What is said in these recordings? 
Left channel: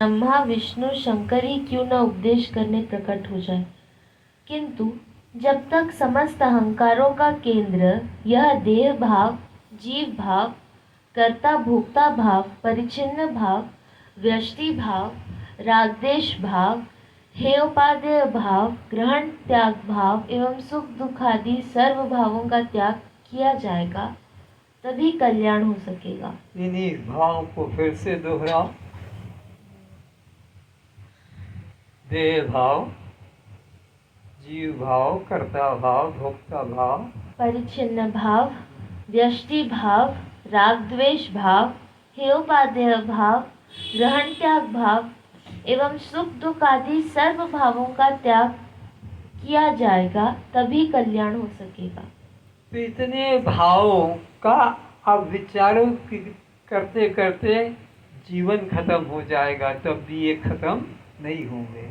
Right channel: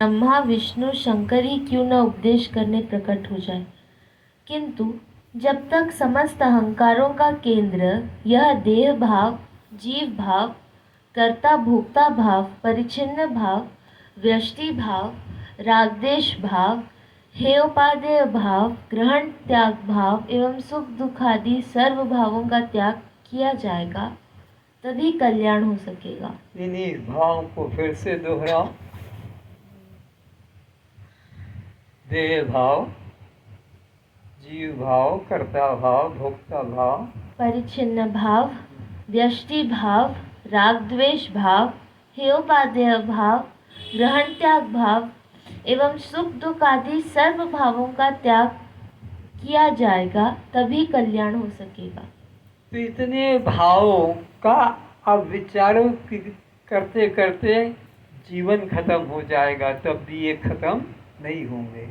ब्रह्मा विष्णु शंकर ही क्यों न उपदेश करने प्रकट हो जाए, किंतु जब तक समस्त अहंकारों का केंद्र यह देह भाव, जीव भाव, कर्ता भोक्ता भाव, परिच्छिन्न भाव, व्यष्टि भाव, रागद्वेष भाव, हेयोपादेय भाव, ग्रहण त्याग भाव एवं सुख दुख आदि सर्व भावों का त्याग किया जाएगा, तभी कल्याण हो सकेगा। इन्हीं भाव को फिर से दोहराओ। देह भाव, जीव भाव, कर्ता भाव, भोक्ता भाव, परिच्छिन्न भाव, व्यष्टि भाव, राग द्वेष भाव, हेयोपादेय भाव, ग्रहण त्याग भाव एवं सुख दुख आदि सर्व भावों का त्याग किया जाएगा, तभी कल्याण हो सकेगा। तो इतने भावों का अब विचारों करते करते जीवन खत्म हो जाएगा, तब भी ये खत्म नहीं होंगे।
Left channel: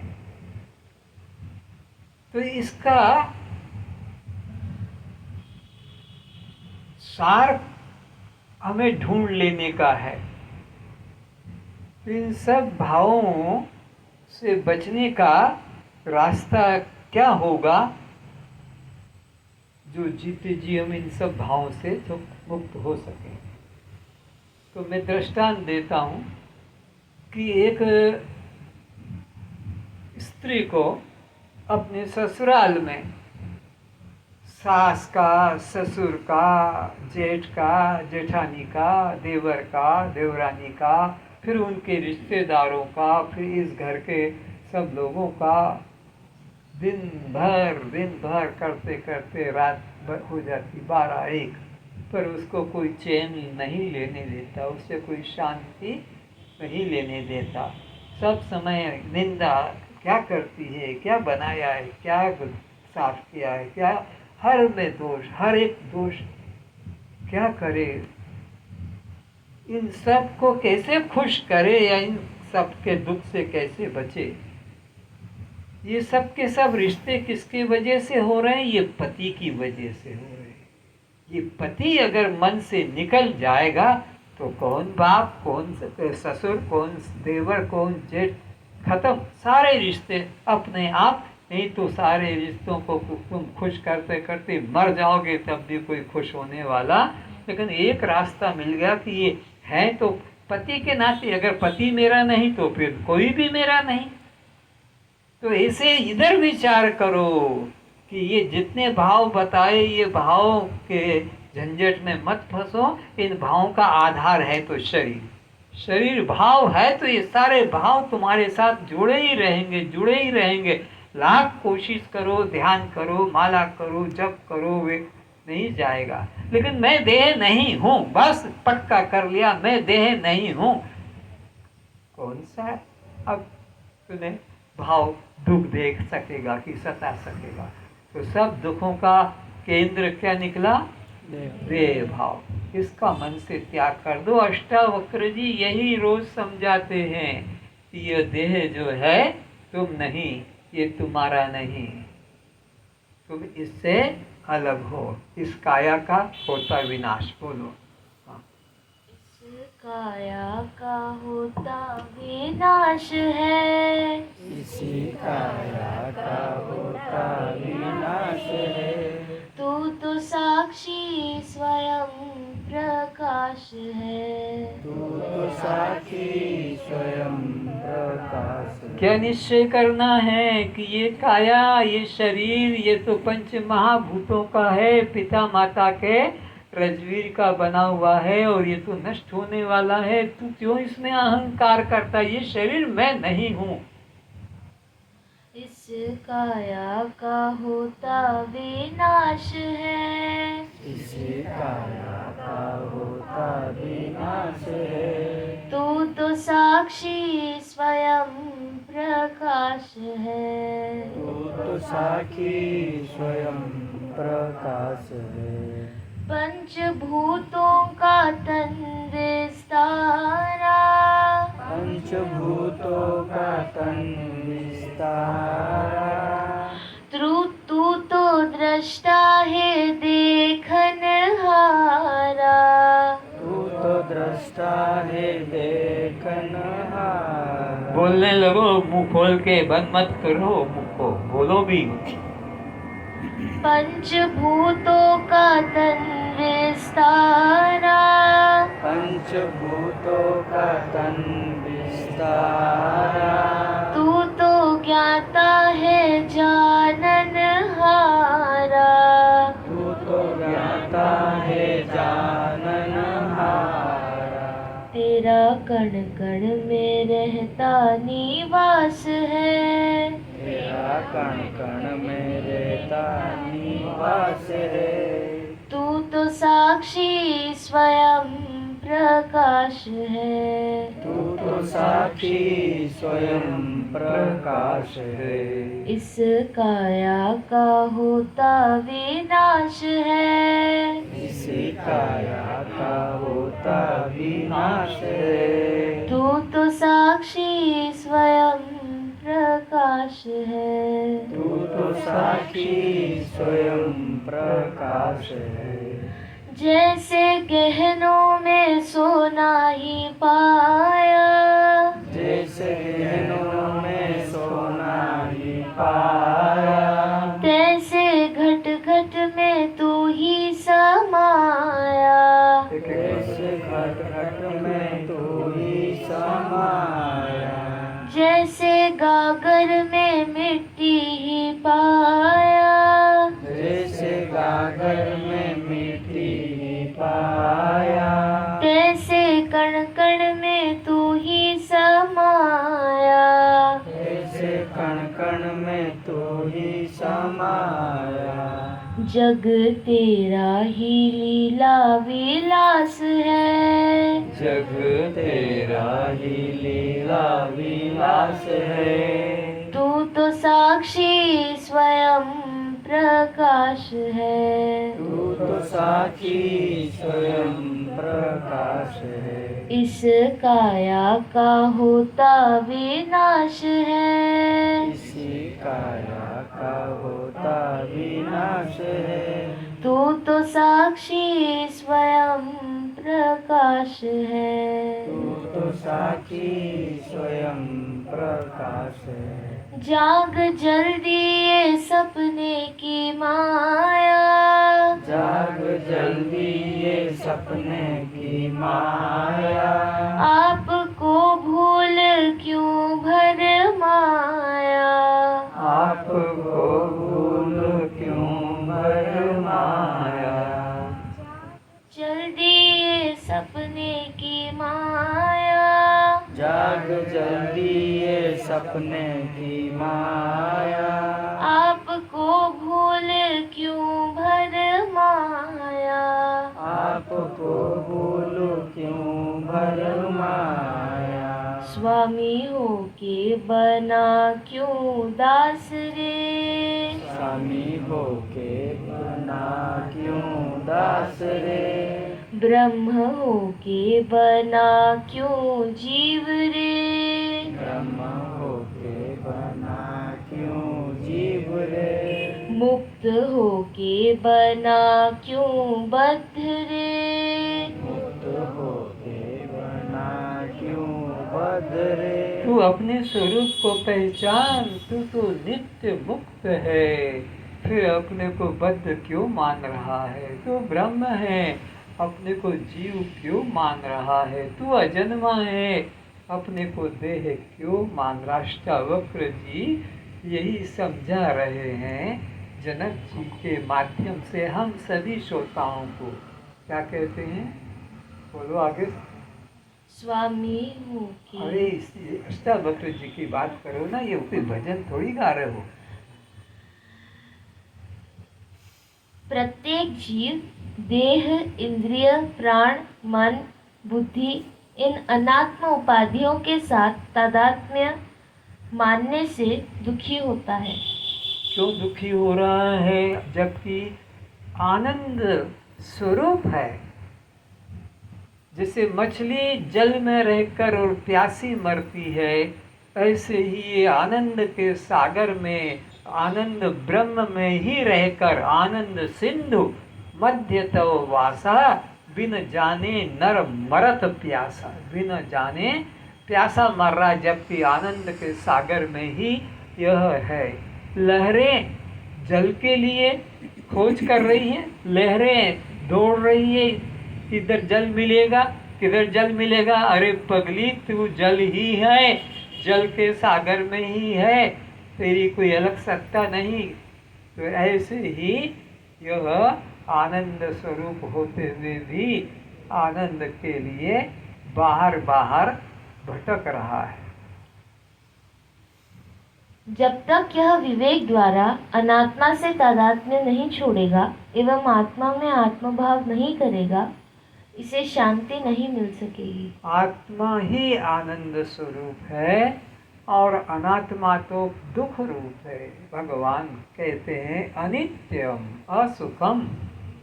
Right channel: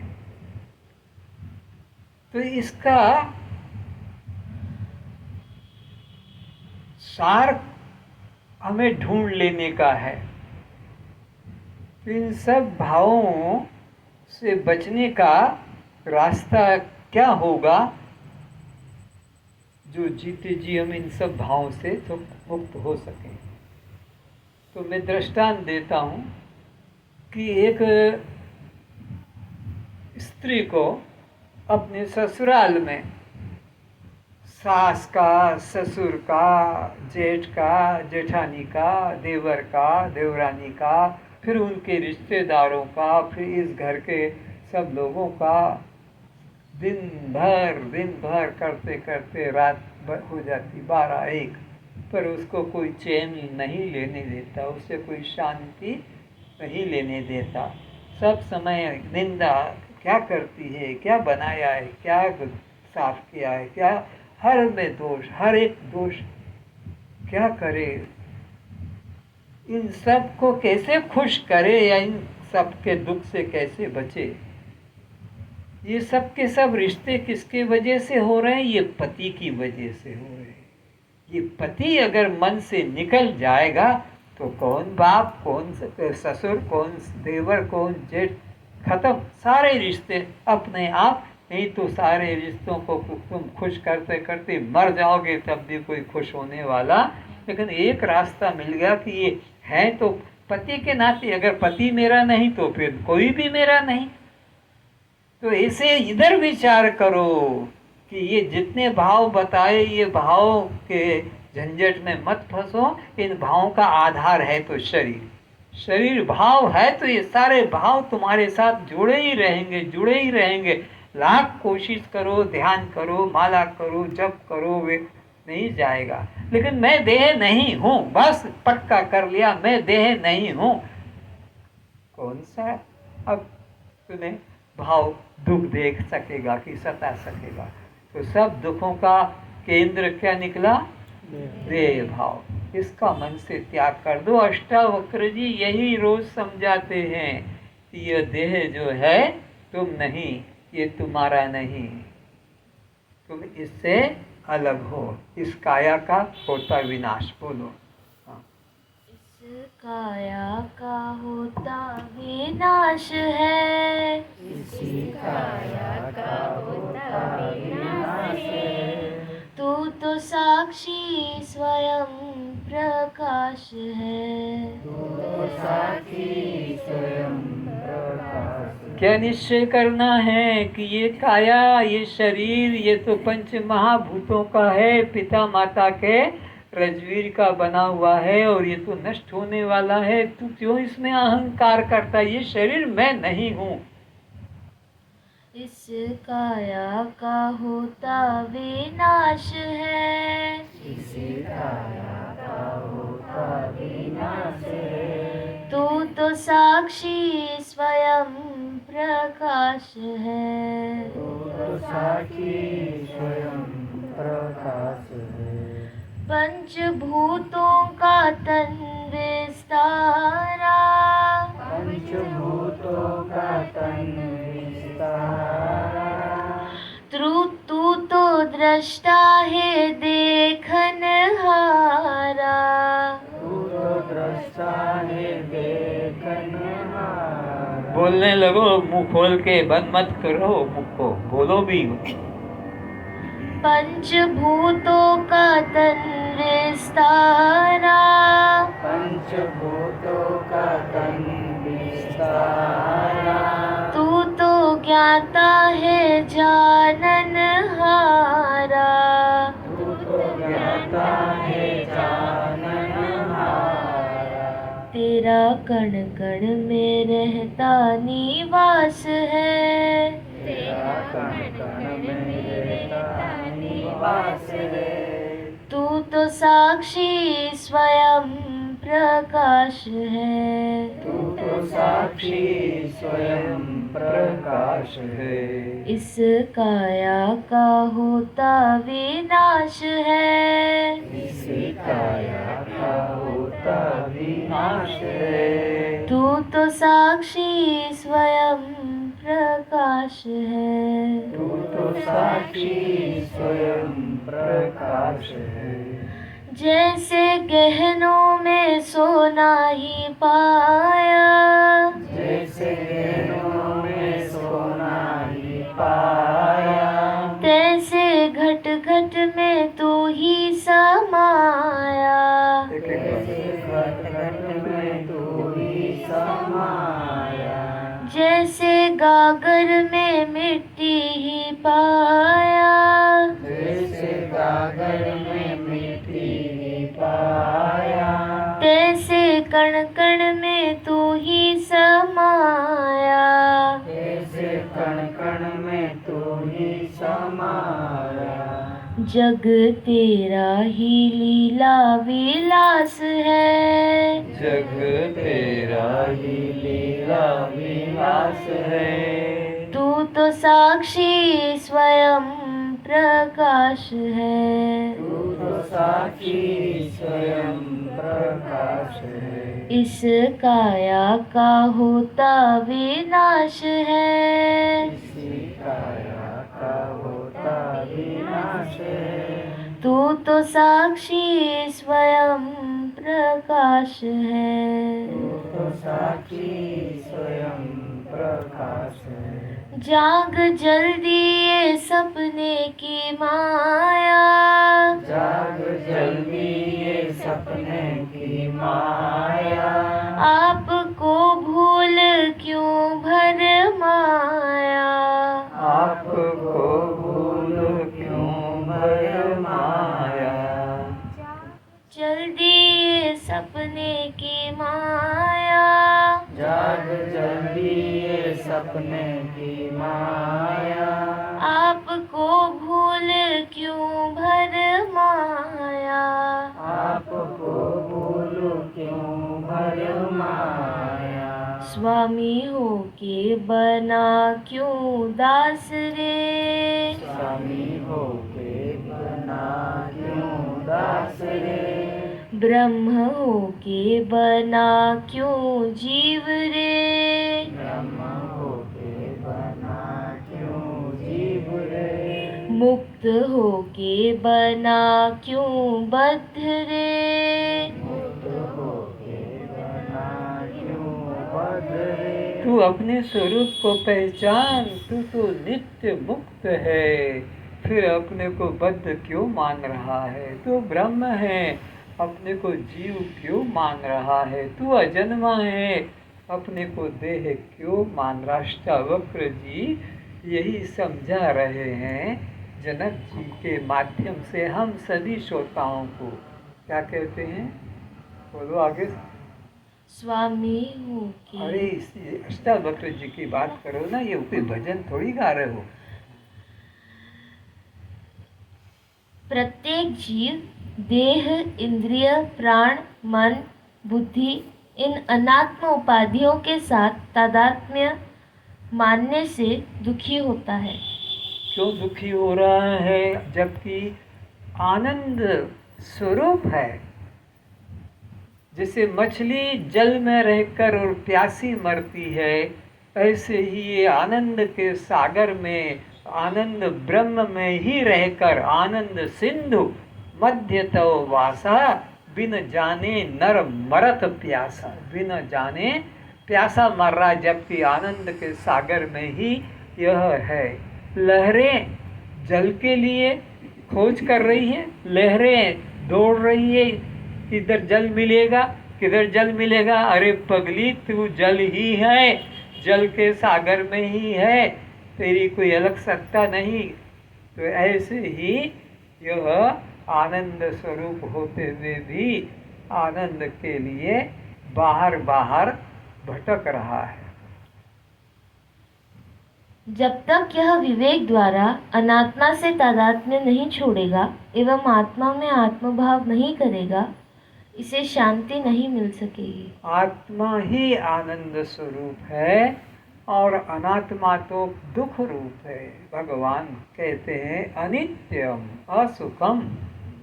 तो इसका सार हमें ढूंढ लेने का है। इन सब भावों से बचने का रास्ता क्या होगा, जो जीते जी हम इन सब भावों से तो मुक्त हो सकें। तो मैं दृष्टांत देता हूँ कि एक स्त्री को अपने ससुराल में सास का, ससुर का, जेठ का, जेठानी का, देवर का, देवरानी का, फिर उनके रिश्तेदारों का, फिर इस घर के सब लोगों का दिन भर करते करते रात हो जाती 12-1, पर उसको कोई चैन नहीं लेने देता, उससे कोई शांति नहीं लेने देता। सब समय निंदा, क्या करती है, क्या बनाया है, क्या साफ किया है, क्या हर में दोष, हर एक दोष, क्या करे, इन सब को कैसे खुश करे या इन सब के दुख से कैसे बचे। ये सब के सब रिश्ते किसके वजह से हो रहे हैं? ये पति की वजह से हो रहे हैं। ये पति अगर मन से निकल जाएगा तो कौन बाप, कौन ससुर, कौन देवर, कौन जेठ, खत्म सारे रिश्ते अपने आप। नहीं तो सारे रिश्तों को तुम खुश करते करते मर जाओगे, तब भी कोई खुश होने वाला। लेकिन एक रास्ता मिल गया कि ये है तो पति के नाते, अगर पति मेरा नहीं तो फिर कोई भी मेरा नहीं। तो ऐसे इधर विचार करो कि ये जितने भाव बताए, ये भाव के झंझट में मत फंसो। इन भावों का आधार है तो शरीर भाव है, तो ये सारे भाव तुम्हारे साथ जुड़े ही रहेंगे। लाख कोशिश करो, ध्यान करो, माला करो, जप करो, वे नहीं जाएगा। लेकिन मैं देह नहीं हूँ, बस पक्का कर लिया, मैं देह नहीं हूँ। कौन सा अब तुम्हें भाव दुख देख सकेगा कि सता सकेगा? तो सब दुखों का केंद्र क्या निकला? देह भाव। इसका मन से त्याग कर दो। अष्टावक्र जी यही रोज समझाते हैं कि यह देह जो है तुम नहीं, ये तुम्हारा नहीं, तुम इससे अलग हो। इस काया का होता विनाश। बोलो। काया का होता विनाश है, इसी काया का होता विनाश है। तू तो साक्षी स्वयं प्रकाश है, तू तो साक्षी स्वयं प्रकाश है। क्या निश्चय करना है कि ये काया, ये शरीर, ये तो पंच महाभूतों का है, पिता माता के रजवीर का बना हुआ है, और ये तो नष्ट होने वाला है। तू क्यों इसमें अहंकार करता? ये शरीर मैं नहीं हूँ। इस काया का होता विनाश है, इसी काया का होता विनाश है। तू तो साक्षी स्वयं प्रकाश है, तू तो साक्षी स्वयं प्रकाश है। पंचभूतों का तन विस्तारा, पंचभूतों का तन विस्तारा। तू तो दृष्टा है देखनहारा, तू तो दृष्टा है देखनहारा। बोलने लगो, मुंह खोल के, बंद मत करो मुंह को, बोलो भी। पंचभूतों का तन विस्तारा, पंचभूतों का तन विस्तारा, तू तो ज्ञाता है जाननहारा। तू तो ज्ञाता है जाननहारा। तेरा कण कण में रहता निवास है, तेरा कण कण में रहता निवास है। तू तो साक्षी स्वयं प्रकाश है। तू तो साक्षी स्वयं प्रकाश है। इस काया का होता विनाश है, इसी काया का होता विनाश है। तू तो साक्षी स्वयं प्रकाश है। तू तो साक्षी स्वयं प्रकाश है। जैसे गहनों में सोना ही पाया, जैसे गहनों में सोना ही पाया, तैसे घट घट में तू ही समाया। जैसे घट घट में तू ही समाया। जैसे गागर में मिट्टी ही पाया, जैसे गागर में मिट्टी ही पाया, तैसे कण कण में तू ही समाया। जैसे कण कण में तू ही समाया। जग तेरा ही लीला विलास है, जग तेरा ही लीला विलास है। तू तो साक्षी स्वयं प्रकाश है। तू तो साक्षी स्वयं प्रकाश है। इस काया का होता विनाश है, इसी काया का होता विनाश है। तू तो साक्षी स्वयं प्रकाश है। तू तो साक्षी स्वयं प्रकाश है। जाग जल्दी ये सपने की माया, जाग जल्दी ये सपने की माया, आपको भूल क्यों भरमाया। आपको भूल क्यों भरमाया। जल्दी ये सपने की माया, जाग जल्दी ये सपने की माया, आपको भूल क्यों भरमाया। आपको भूल क्यों भरमाया। स्वामी हो के बना क्यों दास रे, स्वामी होके बना क्यों दास रे। ब्रह्म हो के बना क्यों जीव रे। ब्रह्म होके बना क्यों जीव रे। मुक्त हो के बना क्यों बद्ध रे। मुक्त होके बना क्यों बद्ध रे। तू अपने स्वरूप को पहचान, तू तो नित्य मुक्त है, फिर अपने को बद्ध क्यों मान रहा है। तू ब्रह्म है, अपने को जीव क्यों मान रहा है। तू अजन्मा है, अपने को देह क्यों मान रहा। अष्टावक्र जी यही समझा रहे हैं जनक जी के माध्यम से हम सभी श्रोताओं को। क्या कहते हैं, बोलो आगे। स्वामी हो अरे के इस अष्टावक्र जी की बात करो ना, ये कोई भजन थोड़ी गा रहे हो। प्रत्येक जीव देह, इंद्रिय, प्राण, मन, बुद्धि इन अनात्म उपाधियों के साथ तादात्म्य मानने से दुखी होता है। क्यों दुखी हो रहा है, जबकि आनंद स्वरूप है। जैसे मछली जल में रहकर और प्यासी मरती है, ऐसे ही ये आनंद के सागर में, आनंद ब्रह्म में ही रहकर, आनंद सिंधु मध्य तव वासा, बिन जाने नर मरत प्यासा। बिन जाने प्यासा मर रहा जबकि आनंद के सागर में ही यह है। लहरें जल के लिए खोज कर रही हैं, लहरें दौड़ रही है, किधर जल मिलेगा किधर जल मिलेगा। अरे पगली, तू जल ही है, जल के सागर में ही है, तेरी कोई अलग सत्ता नहीं। तो ऐसे ही यह आनंद स्वरूप होते हुए भी आनंद के लिए बाहर बाहर भटक रहा है। जब तक यह विवेक द्वारा अनात्मा से तादात्म्य नहीं छोड़ेगा एवं आत्मा में आत्मभाव नहीं करेगा, इसे शांति नहीं मिल सकेगी। आत्मा ही आनंद स्वरूप है और अनात्मा तो दुख रूप है। भगवान कहते हैं अनित्यम असुखम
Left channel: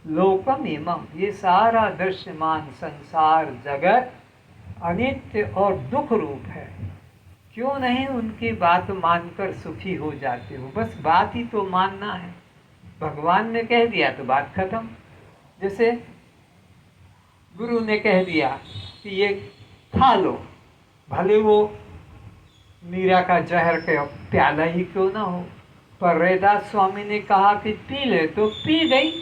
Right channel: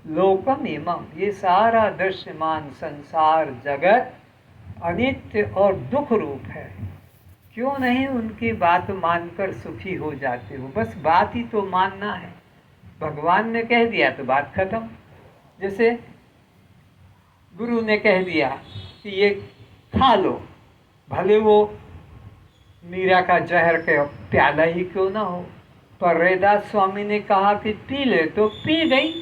लोकम इमम। ये सारा दृश्यमान संसार जगत अनित्य और दुख रूप है। क्यों नहीं उनकी बात मानकर सुखी हो जाते हो? बस बात ही तो मानना है। भगवान ने कह दिया तो बात खत्म। जैसे गुरु ने कह दिया कि ये खा लो, भले वो मीरा का जहर का प्याला ही क्यों ना हो, पर रैदास स्वामी ने कहा कि पी ले तो पी गई।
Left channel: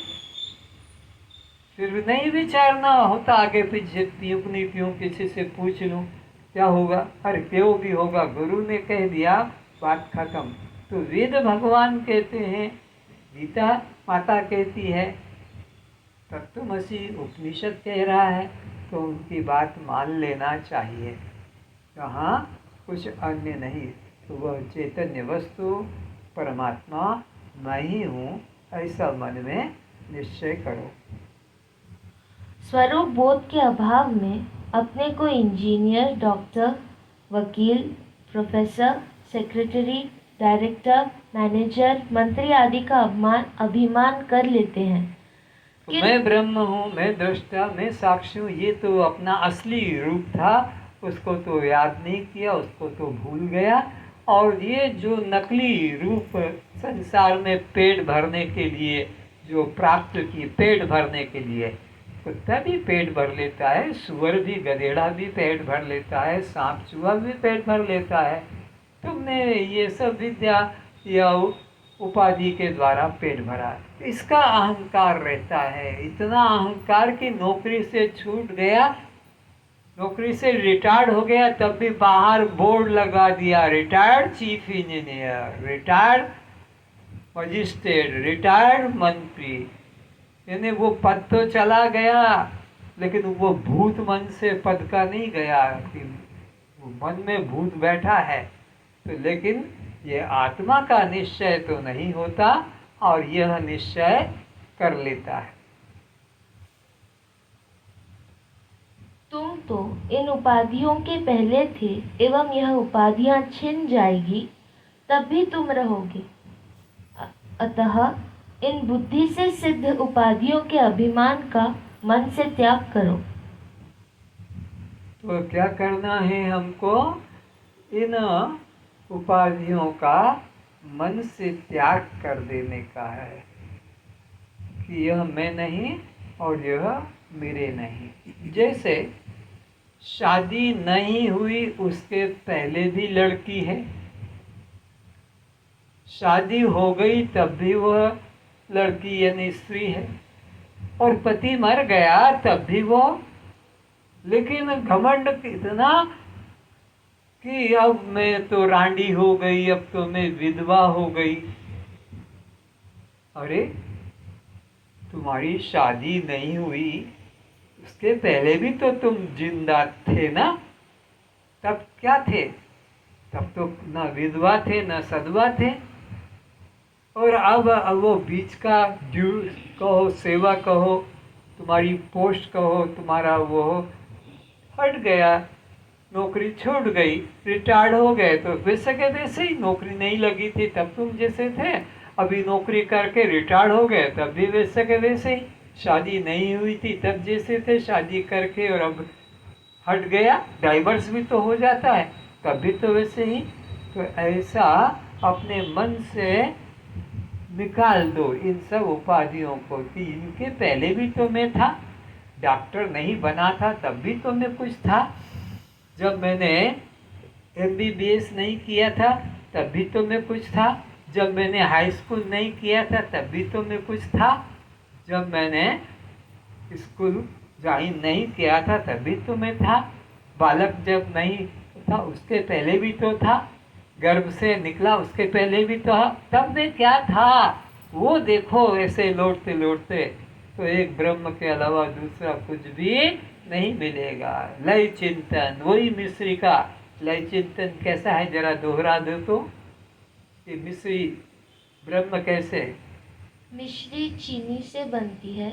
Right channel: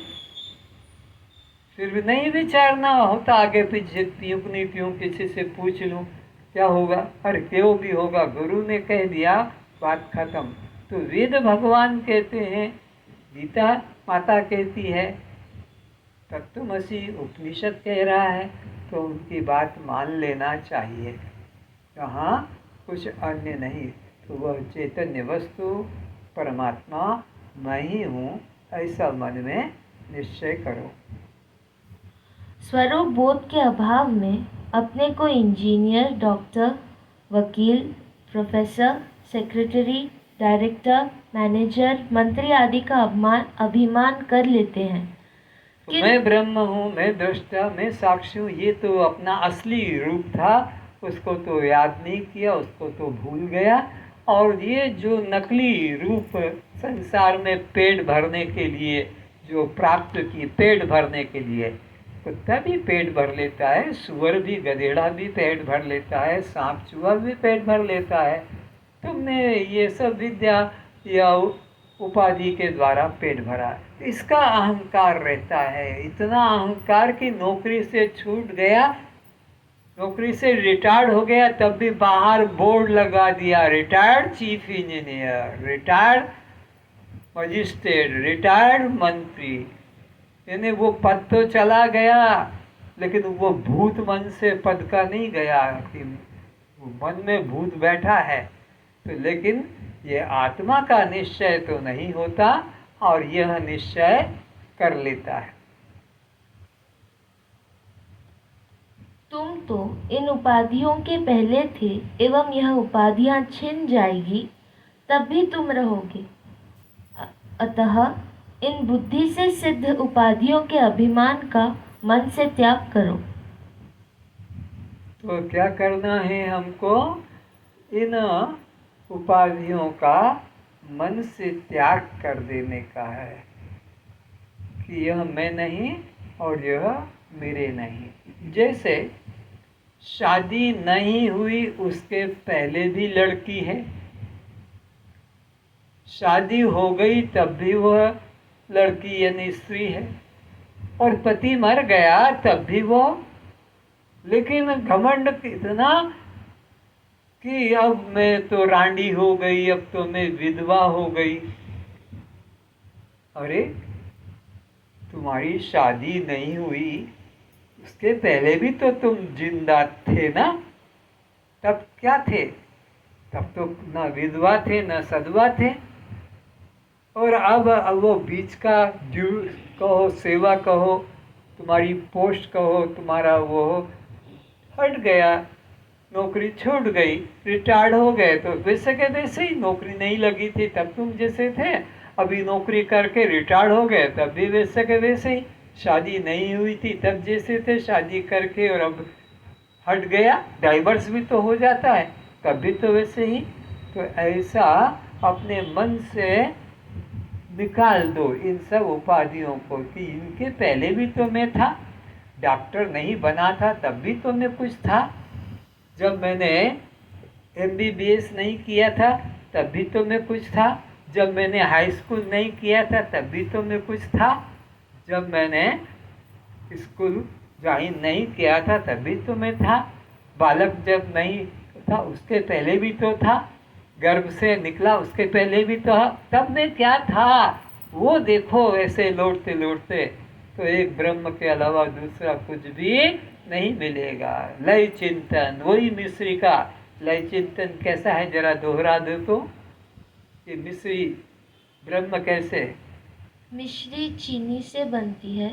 फिर नहीं विचारना होता आगे पीछे, पीऊँ नहीं पीऊँ, किसी से पूछ लूँ क्या होगा, अरे क्यों भी होगा, गुरु ने कह दिया बात खत्म। तो वेद भगवान कहते हैं, गीता माता कहती है, तत्वमसि उपनिषद कह रहा है, तो उनकी बात मान लेना चाहिए। कहाँ कुछ अन्य नहीं, तो वह चैतन्य वस्तु परमात्मा मैं ही हूँ, ऐसा मन में निश्चय करो। स्वरूप बोध के अभाव में अपने को इंजीनियर, डॉक्टर, वकील, प्रोफेसर, सेक्रेटरी, डायरेक्टर, मैनेजर, मंत्री आदि का अभिमान कर लेते हैं तो मैं ब्रह्म हूँ, मैं दृष्टा, मैं साक्षी हूँ, ये तो अपना असली रूप था, उसको तो याद नहीं किया, उसको तो भूल गया। और ये जो नकली रूप संसार में पेट भरने के लिए जो प्राप्त की, पेट भरने के लिए, कुत्ता भी पेट भर लेता है, सुअर भी, गधेड़ा भी पेट भर लेता है, सांप चूहा भी पेट भर लेता है। तुमने ये सब विद्या या उपाधि के द्वारा पेट भरा, इसका अहंकार रहता है। इतना अहंकार कि नौकरी से छूट गया, नौकरी से रिटायर्ड हो गया, तब भी बाहर बोर्ड लगा दिया, retired chief engineer, retired magistrate, retired मंत्री। यानी वो पद तो चला गया, लेकिन वो भूत मन से पद का नहीं गया कि मन में भूत बैठा है। तो लेकिन ये आत्मा का निश्चय तो नहीं होता, और यह निश्चय कर लेता है। तुम तो इन उपाधियों के पहले थे एवं यह उपाधियां छिन जाएगी तब भी तुम रहोगे। अतः इन बुद्धि से सिद्ध उपाधियों के अभिमान का मन से त्याग करो। तो क्या करना है हमको? इन उपाधियों का मन से त्याग कर देने का है कि यह मैं नहीं और यह मेरे नहीं। जैसे शादी नहीं हुई उसके पहले भी लड़की है, शादी हो गई तब भी वह लड़की यानी स्त्री है, और पति मर गया तब भी वो। लेकिन घमंड इतना कि अब मैं तो रांडी हो गई, अब तो मैं विधवा हो गई। अरे तुम्हारी शादी नहीं हुई उसके पहले भी तो तुम जिंदा थे ना, तब क्या थे? तब तो न विधवा थे न सधवा थे। और अब वो बीच का ड्यू कहो, सेवा कहो, तुम्हारी पोस्ट कहो, तुम्हारा वो हट गया, नौकरी छूट गई, रिटायर्ड हो गए, तो वैसे के वैसे ही। नौकरी नहीं लगी थी तब तुम जैसे थे, अभी नौकरी करके रिटायर्ड हो गए तब भी वैसे के वैसे ही। शादी नहीं हुई थी तब जैसे थे, शादी करके और अब हट गया, डाइवर्स भी तो हो जाता है, तब भी तो वैसे ही। तो ऐसा अपने मन से निकाल दो इन सब उपाधियों को कि इनके पहले भी तो मैं था, डॉक्टर नहीं बना था तब भी तो मैं कुछ था, जब मैंने MBBS नहीं किया था तब भी तो मैं कुछ था, जब मैंने हाई स्कूल नहीं किया था तब भी तो मैं कुछ था, जब मैंने स्कूल ज्वाइन नहीं किया था तभी तो मैं था, बालक जब नहीं था उसके पहले भी तो था, गर्भ से निकला उसके पहले भी तो था, तब मैं क्या था वो देखो। ऐसे लौटते लौटते तो एक ब्रह्म के अलावा दूसरा कुछ भी नहीं मिलेगा। लय चिंतन, वही मिश्री का लय चिंतन कैसा है जरा दोहरा दो तो, कि मिश्री ब्रह्म कैसे। मिश्री चीनी से बनती है,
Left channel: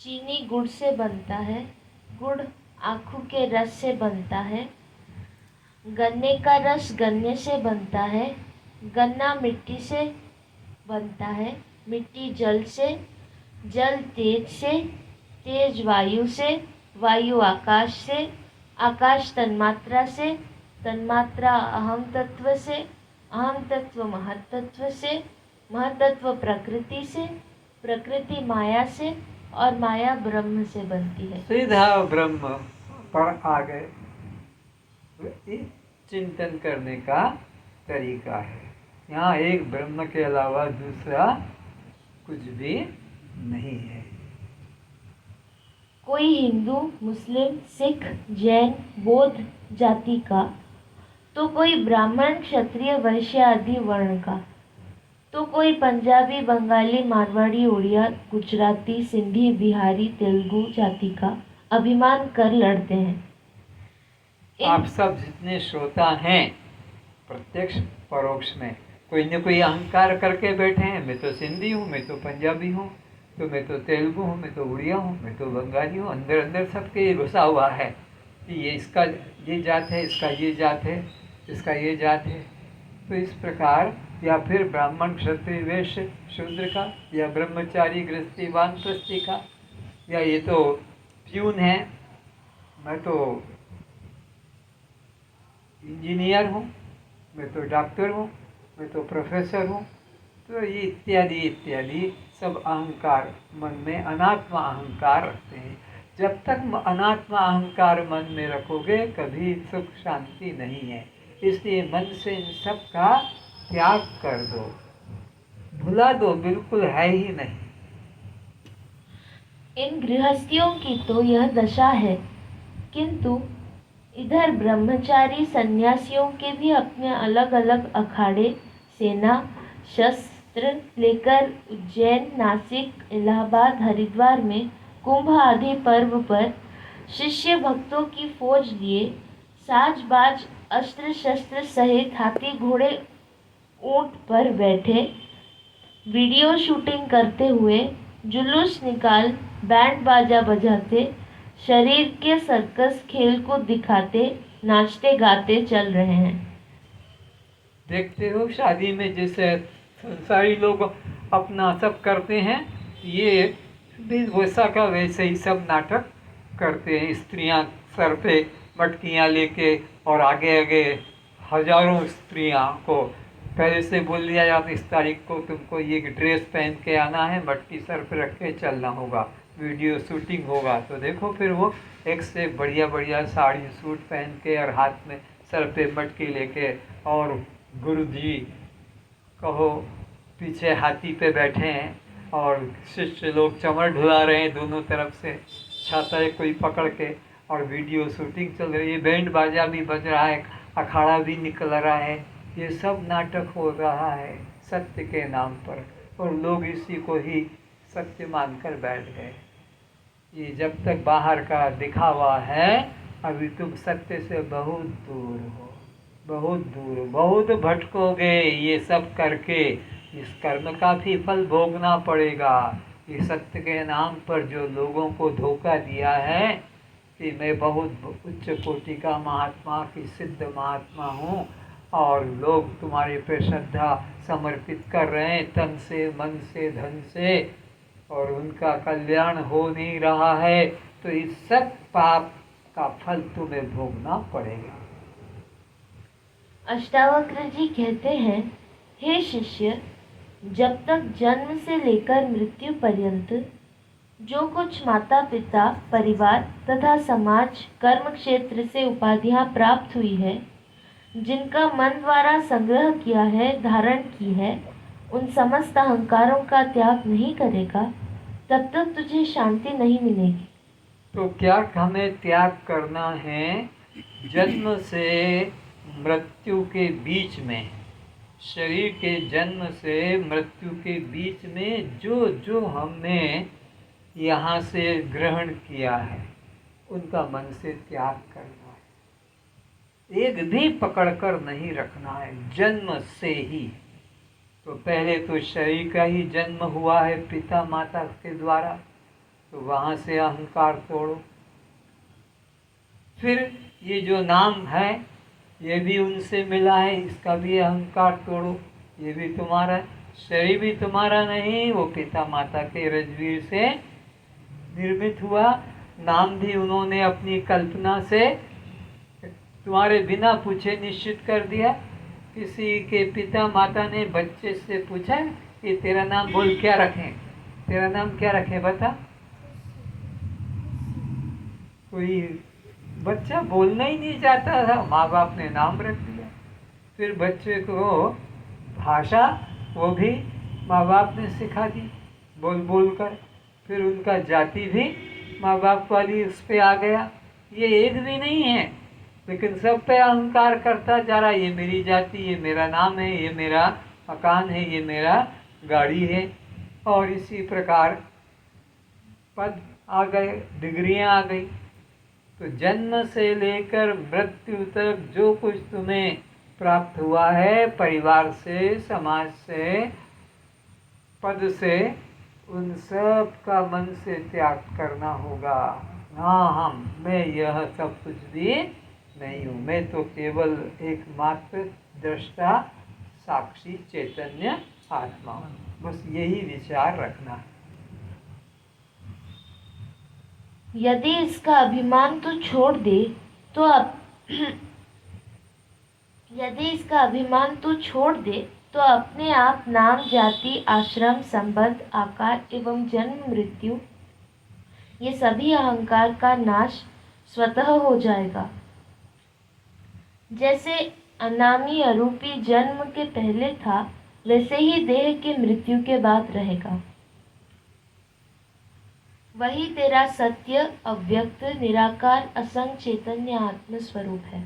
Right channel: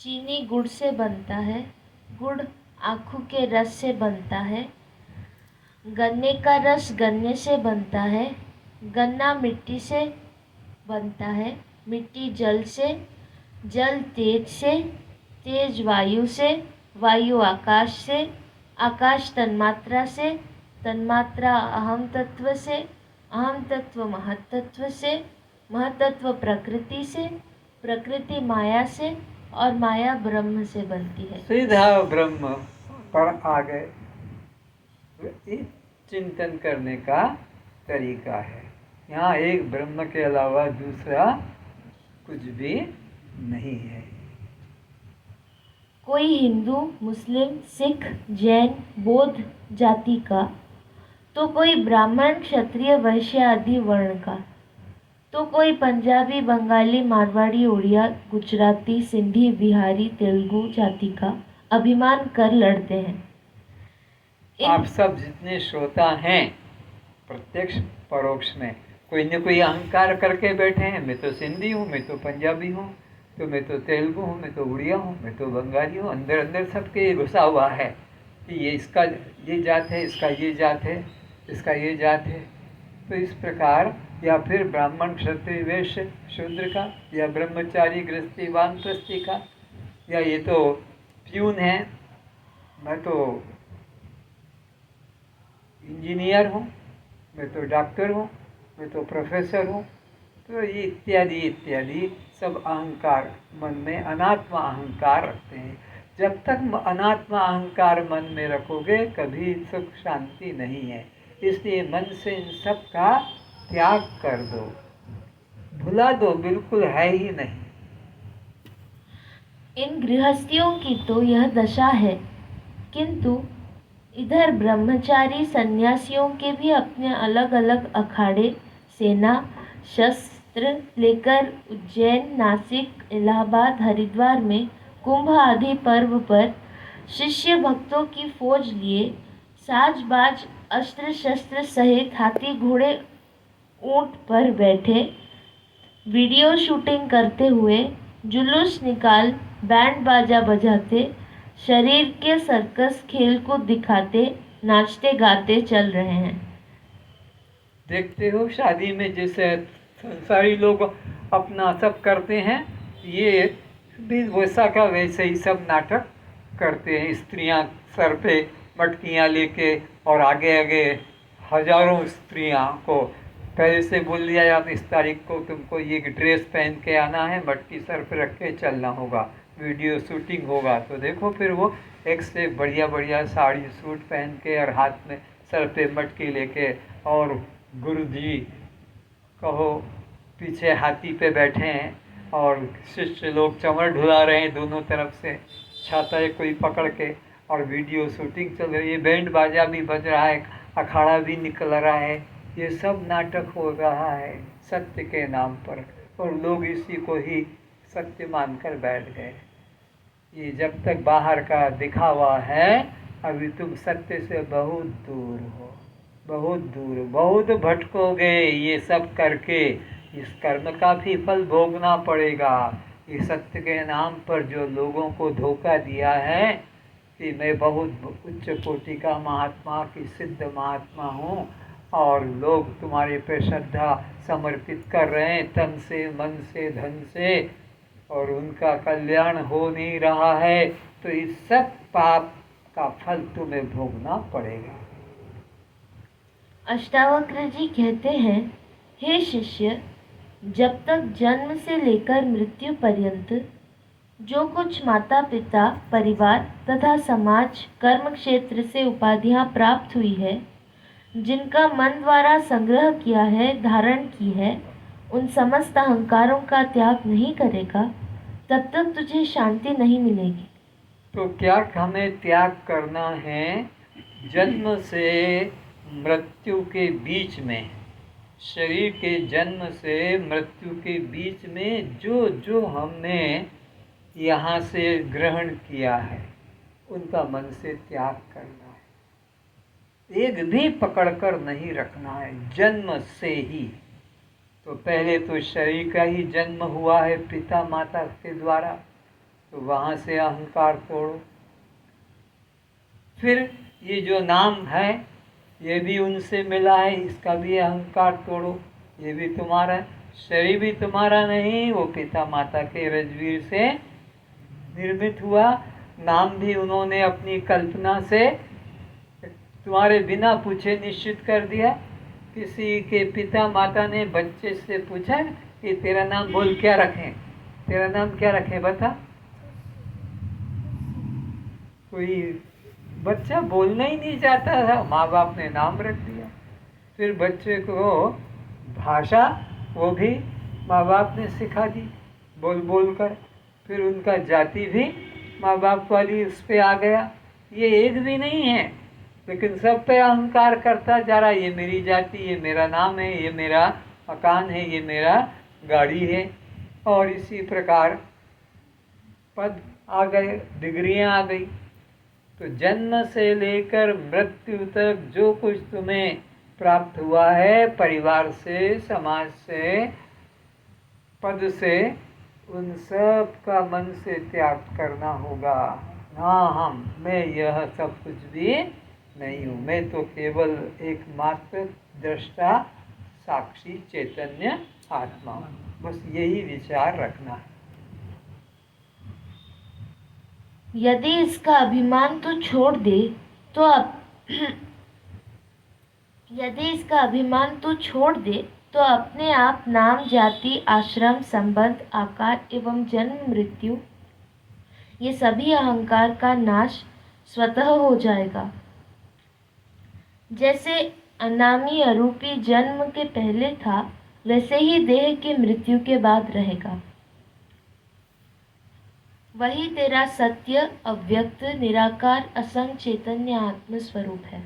चीनी गुड़ से बनता है, गुड़ आखू के रस से बनता है, गन्ने का रस गन्ने से बनता है, गन्ना मिट्टी से बनता है, मिट्टी जल से, जल तेज से, तेज वायु से, वायु आकाश से, आकाश तन्मात्रा से, तन्मात्रा अहम तत्व से, अहम तत्व महत्तत्व से, महत्तत्व प्रकृति से, प्रकृति माया से और माया ब्रह्म से बनती है। सीधा ब्रह्म पर आ गए। ये चिंतन करने का तरीका है। यहाँ एक ब्रह्म के अलावा दूसरा कुछ भी नहीं है। कोई हिंदू, मुस्लिम, सिख, जैन, बौद्ध जाति का, तो कोई ब्राह्मण, क्षत्रिय, वैश्य आदि वर्ण का, तो कोई पंजाबी, बंगाली, मारवाड़ी, उड़िया, गुजराती, सिंधी, बिहारी, तेलुगु जाति का अभिमान कर लड़ते हैं। आप सब जितने श्रोता हैं प्रत्यक्ष परोक्ष में कोई न कोई अहंकार करके बैठे हैं, मैं तो सिंधी हूँ, मैं तो पंजाबी हूँ, तो मैं तो तेलुगु हूँ, मैं तो उड़िया हूँ, मैं तो बंगाली हूँ। अंदर अंदर सबके घुसा हुआ है कि ये इसका ये जात है, इसका ये जात है, इसका ये जात है। तो इस प्रकार, या फिर ब्राह्मण, क्षत्रिय, वैश्य, शूद्र का, या ब्रह्मचारी, गृहस्थी, वानप्रस्थी का, या ये तो प्यून है, मैं तो इंजीनियर हूँ, मैं तो डॉक्टर हूँ, मैं तो प्रोफेसर हूँ। तो ये इत्यादि इत्यादि सब अहंकार मन में, अनात्मा अहंकार रखते हैं। जब तक अनात्मा अहंकार मन में रखोगे कभी सुख शांति नहीं है। इसलिए मन से इन सब का त्याग कर दो, भुला दो, बिल्कुल है ही नहीं। इन गृहस्थियों की तो यह दशा है, किंतु इधर ब्रह्मचारी सन्यासियों के भी अपने अलग अलग अखाड़े, सेना, शस्त्र लेकर उज्जैन, नासिक, इलाहाबाद, हरिद्वार में कुंभ आदि पर्व पर शिष्य भक्तों की फौज लिए साज बाज अस्त्र शस्त्र सहित हाथी घोड़े ऊंट पर बैठे वीडियो शूटिंग करते हुए, जुलूस निकाल बैंड बाजा बजाते, शरीर के सर्कस खेल को दिखाते, नाचते गाते चल रहे हैं। देखते हो शादी में जैसे संसारी लोग अपना सब करते हैं, ये भी वैसा का वैसे ही सब नाटक करते हैं। स्त्रियां सर पे मटकियां लेके और आगे आगे हजारों स्त्रियां को पहले से बोल दिया जाता, इस तारीख को तुमको ये ड्रेस पहन के आना है, मटकी सर पे रख के चलना होगा, वीडियो शूटिंग होगा। तो देखो फिर वो एक से बढ़िया बढ़िया साड़ी सूट पहन के और हाथ में सर पे मटकी लेके, और गुरु जी कहो पीछे हाथी पे बैठे हैं और शिष्य लोग चमर ढुला रहे हैं दोनों तरफ से, छाता है कोई पकड़ के, और वीडियो शूटिंग चल रही है, बैंड बाजा भी बज रहा है, अखाड़ा भी निकल रहा है। ये सब नाटक हो रहा है सत्य के नाम पर, और लोग इसी को ही सत्य मानकर बैठ गए। ये जब तक बाहर का दिखावा है, अभी तुम सत्य से बहुत दूर हो, बहुत दूर, बहुत भटकोगे ये सब करके। इस कर्म का भी फल भोगना पड़ेगा। ये सत्य के नाम पर जो लोगों को धोखा दिया है कि मैं बहुत उच्च कोटि का महात्मा की सिद्ध महात्मा हूँ, और लोग तुम्हारे पे श्रद्धा समर्पित कर रहे हैं तन से, मन से, धन से, और उनका कल्याण हो नहीं रहा है, तो इस सब पाप का फल तुम्हें भोगना पड़ेगा। अष्टावक्र जी कहते हैं, हे शिष्य, जब तक जन्म से लेकर मृत्यु पर्यंत जो कुछ माता पिता, परिवार तथा समाज, कर्म क्षेत्र से उपाधियां प्राप्त हुई है, जिनका मन द्वारा संग्रह किया है, धारण की है, उन समस्त अहंकारों का त्याग नहीं करेगा, तब तक तुझे शांति नहीं मिलेगी। तो क्या हमें त्याग करना है? जन्म से मृत्यु के बीच में, शरीर के जन्म से मृत्यु के बीच में जो जो हमने यहाँ से ग्रहण किया है, उनका मन से त्याग करना है। एक भी पकड़कर नहीं रखना है जन्म से ही। तो पहले तो शरीर का ही जन्म हुआ है पिता माता के द्वारा, तो वहाँ से अहंकार तोड़ो। फिर ये जो नाम है ये भी उनसे मिला है, इसका भी अहंकार तोड़ो। ये भी तुम्हारा, शरीर भी तुम्हारा नहीं, वो पिता माता के रजवीर से निर्मित हुआ। नाम भी उन्होंने अपनी कल्पना से तुम्हारे बिना पूछे निश्चित कर दिया। किसी के पिता माता ने बच्चे से पूछा कि तेरा नाम बोल, क्या रखें, तेरा नाम क्या रखें बता। कोई बच्चा बोलना ही नहीं चाहता था, माँ बाप ने नाम रख दिया। फिर बच्चे को भाषा वो भी माँ बाप ने सिखा दी बोल बोल कर। फिर उनका जाति भी माँ बाप वाली उस पे आ गया। ये एक भी नहीं है, लेकिन सब पे अहंकार करता जा रहा। ये मेरी जाति, ये मेरा नाम है, ये मेरा मकान है, ये मेरा गाड़ी है। और इसी प्रकार पद आ गए, डिग्रियां आ गई। तो जन्म से लेकर मृत्यु तक जो कुछ तुम्हें प्राप्त हुआ है, परिवार से, समाज से, पद से, उन सब का मन से त्याग करना होगा। हाँ, मैं यह सब कुछ भी नहीं हूँ, मैं तो केवल एकमात्र दृष्टा, साक्षी, चैतन्य आत्मा हूँ। बस यही विचार रखना है। यदि इसका अभिमान तू छोड़ दे तो यदि इसका अभिमान तू छोड़ दे तो अपने आप नाम, जाति, आश्रम, संबंध, आकार एवं जन्म मृत्यु, ये सभी अहंकार का नाश स्वतः हो जाएगा। जैसे अनामी अरूपी जन्म के पहले था, वैसे ही देह के मृत्यु के बाद रहेगा। वही तेरा सत्य, अव्यक्त, निराकार, असंग चैतन्य आत्म स्वरूप है।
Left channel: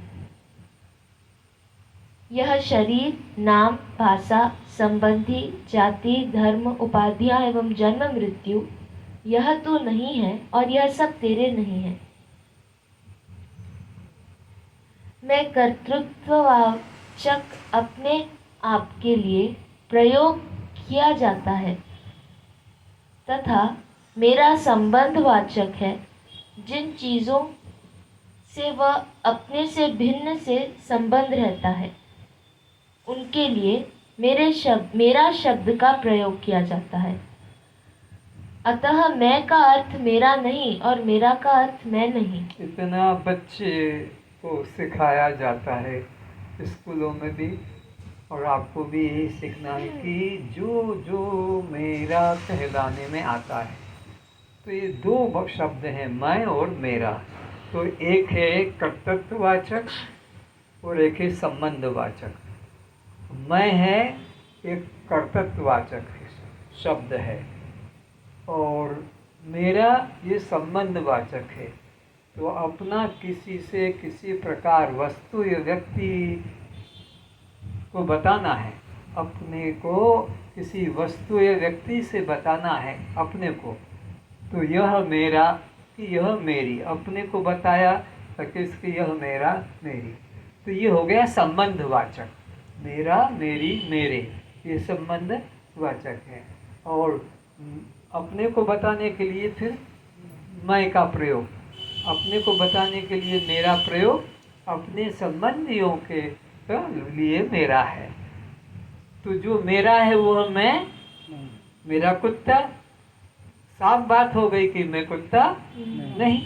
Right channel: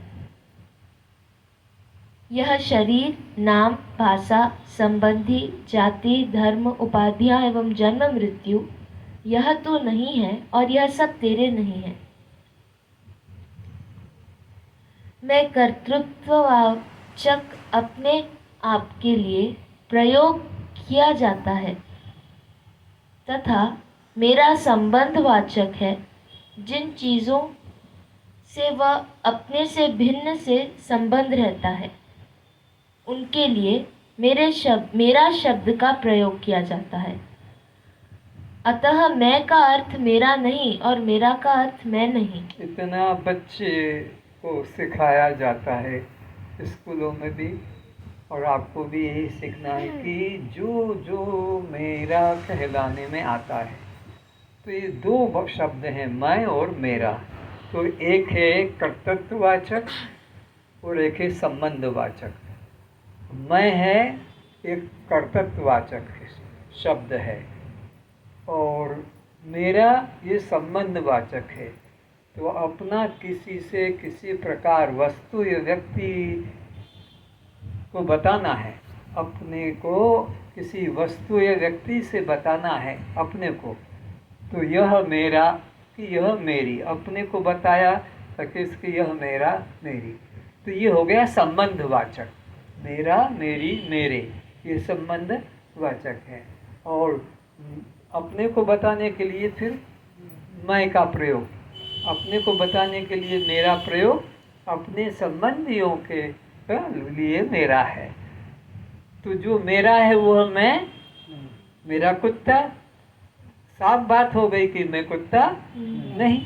यह शरीर, नाम, भाषा, संबंधी, जाति, धर्म, उपाधियां एवं जन्म मृत्यु, यह तो नहीं है और यह सब तेरे नहीं है। मैं कर्तृत्ववाचक अपने आप के लिए प्रयोग किया जाता है तथा मेरा संबंधवाचक है। जिन चीज़ों से वह अपने से भिन्न से संबंध रहता है, उनके लिए मेरा शब्द का प्रयोग किया जाता है। अतः मैं का अर्थ मेरा नहीं और मेरा का अर्थ मैं नहीं। इतना बच्चे को सिखाया जाता है स्कूलों में भी, और आपको भी यही सीखना है कि जो जो मेरा कहलाने में आता है। तो ये दो शब्द हैं, मैं और मेरा। तो एक है कर्तृत्ववाचक और एक है संबंधवाचक। मैं है एक कर्तृत्ववाचक शब्द है और मेरा ये संबंधवाचक है। तो अपना किसी से किसी प्रकार वस्तु या व्यक्ति को बताना है, अपने को किसी वस्तु या व्यक्ति से बताना है अपने को, तो यह मेरा कि यह मेरी, अपने को बताया तो किसकी यह मेरा मेरी। तो ये हो गया संबंधवाचक, मेरा मेरी मेरे, ये संबंधवाचक है। और अपने को बताने के लिए फिर मैं का प्रयोग, अपने को बताने के लिए मेरा प्रयोग, अपने संबंधियों के लिए मेरा है। तो जो मेरा है वह मैं, मेरा कुत्ता, साफ बात हो गई कि मैं कुत्ता नहीं।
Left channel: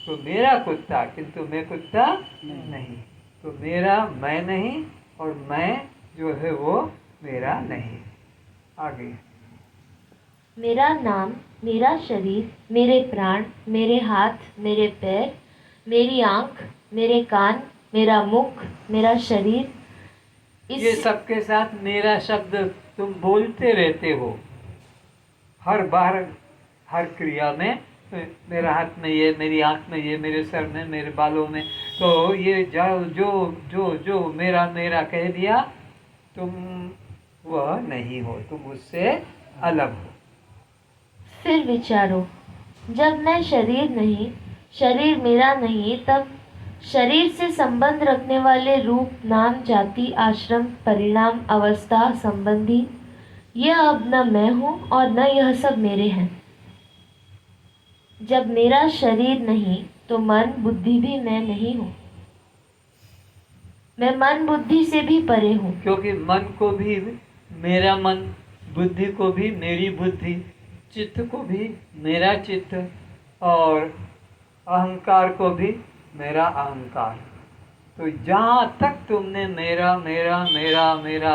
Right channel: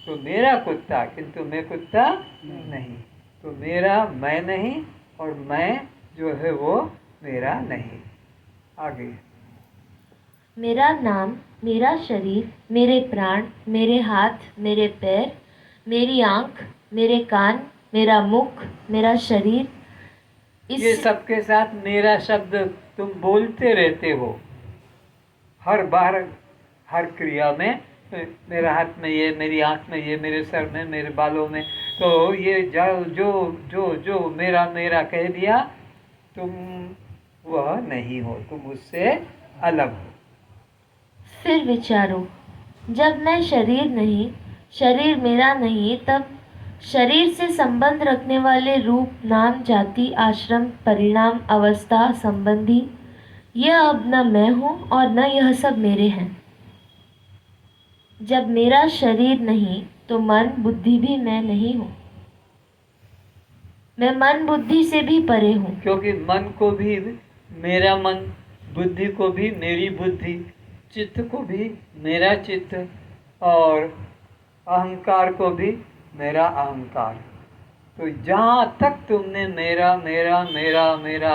तो मेरा कुत्ता किंतु मैं कुत्ता नहीं। तो मेरा मैं नहीं और मैं जो है वो मेरा नहीं। आगे मेरा नाम, मेरा शरीर, मेरे प्राण, मेरे हाथ, मेरे पैर, मेरी आँख, मेरे कान, मेरा मुख, मेरा शरीर। ये सबके साथ मेरा शब्द तुम बोलते रहते हो हर बार, हर क्रिया में। मेरा हाथ में ये, मेरी आँख में ये, मेरे सर में, मेरे बालों में। तो ये जो जो जो मेरा मेरा कह दिया, तुम वह नहीं हो, तुम उससे अलग हो। फिर विचारो, जब मैं शरीर नहीं, शरीर मेरा नहीं, तब शरीर से संबंध रखने वाले रूप, नाम, जाति, आश्रम, परिणाम, अवस्था, संबंधी, यह अब न मैं हूँ और न यह सब मेरे हैं। जब मेरा शरीर नहीं तो मन बुद्धि भी मैं नहीं हूँ। मैं मन बुद्धि से भी परे हूँ। क्योंकि मन को भी मेरा मन, बुद्धि को भी मेरी बुद्धि, चित्त को भी मेरा चित्त, और अहंकार को भी मेरा अहंकार। तो जहाँ तक तुमने मेरा मेरा मेरा मेरा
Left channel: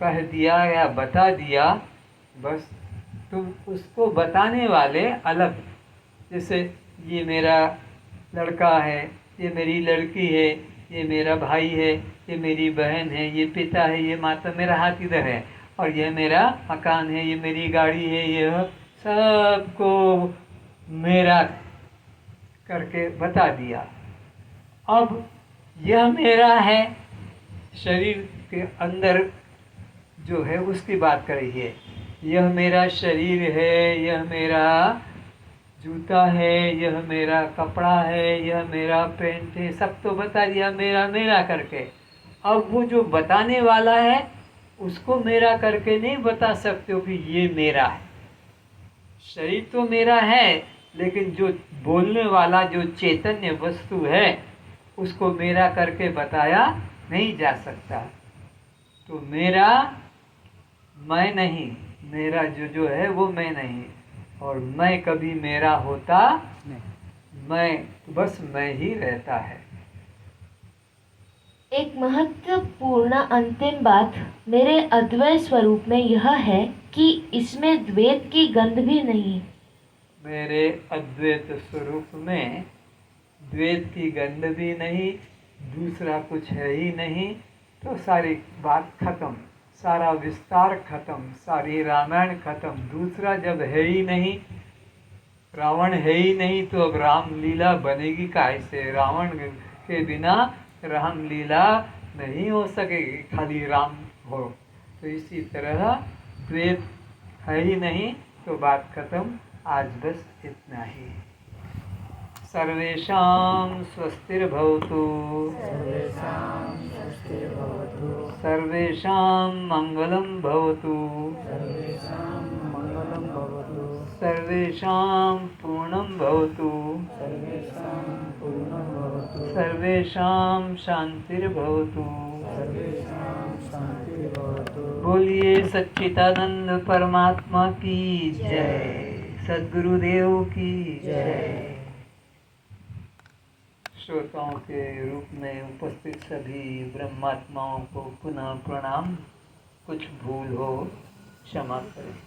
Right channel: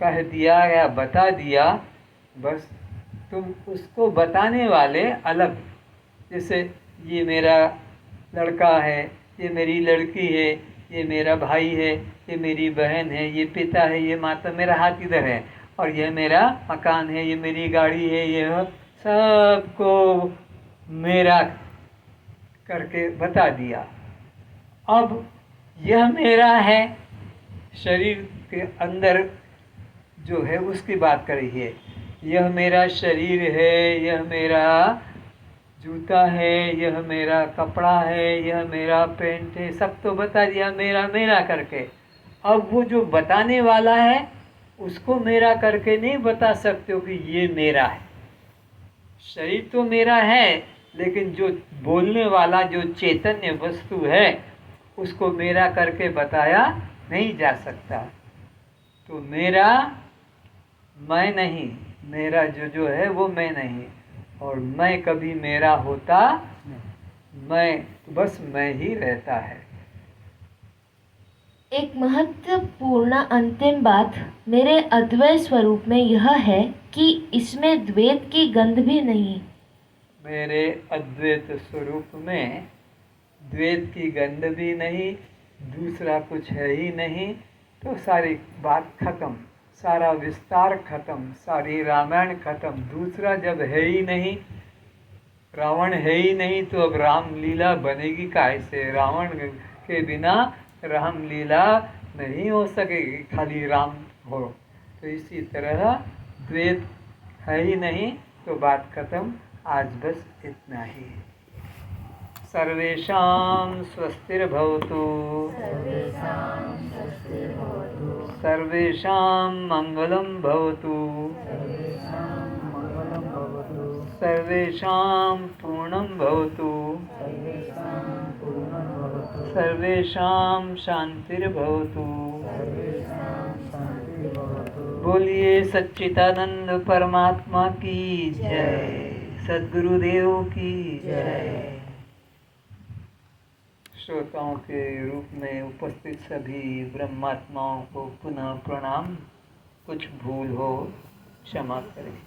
कह दिया या बता दिया, बस तुम उसको बताने वाले अलग। जैसे ये मेरा लड़का है, ये मेरी लड़की है, ये मेरा भाई है, ये मेरी बहन है, ये पिता है, ये माता, मेरा हाथ इधर है, और ये मेरा मकान है, ये मेरी गाड़ी है, ये सबको मेरा करके बता दिया। अब यह मेरा है, शरीर के अंदर जो है उसकी बात करिए। यह मेरा शरीर है, यह मेरा जूता है, यह मेरा कपड़ा है, यह मेरा पेंट है, सब तो बता दिया मेरा मेरा करके। अब वो जो बताने वाला है उसको मेरा करके नहीं बता सकते हो कि ये मेरा है। शरीर तो मेरा है, लेकिन जो बोलने वाला जो चैतन्य वस्तु है उसको मेरा करके बताया नहीं जा सकता। तो मेरा मैं नहीं, मेरा जो जो है वो मैं नहीं, और मैं कभी मेरा होता नहीं, मैं बस मैं ही रहता है। एक महत्वपूर्ण अंतिम बात मेरे अद्वैत स्वरूप में यह है कि इसमें द्वैत की गंध भी नहीं। मेरे अद्वैत स्वरूप में द्वैत की गंध भी नहीं, दूसरा कुछ है ही नहीं। तो सारी बात खत्म, सारा विस्तार खत्म, सारी रामायण खत्म। दूसरा जब है ही नहीं, रावण है ही नहीं, तो अब रामलीला बनेगी कैसे? रावण के बिना रामलीला नहीं हो सकेगी, खाली राम हो। तो इसी तरह द्वैत है ही नहीं, तो बात खत्म। आज बस इतना ही। सर्वेषां स्वस्तिर्भवतु, सर्वेषां मंगलं भवतु, सर्वेषां पूर्णं भवतु, सर्वेषां शांतिर्भवतु। बोलिए सच्चिदानंद परमात्मा की जय, सद्गुरुदेव की जय। श्रोताओं के रूप में उपस्थित सभी ब्रह्मात्माओं को पुनः प्रणाम। कुछ भूल हो क्षमा करें।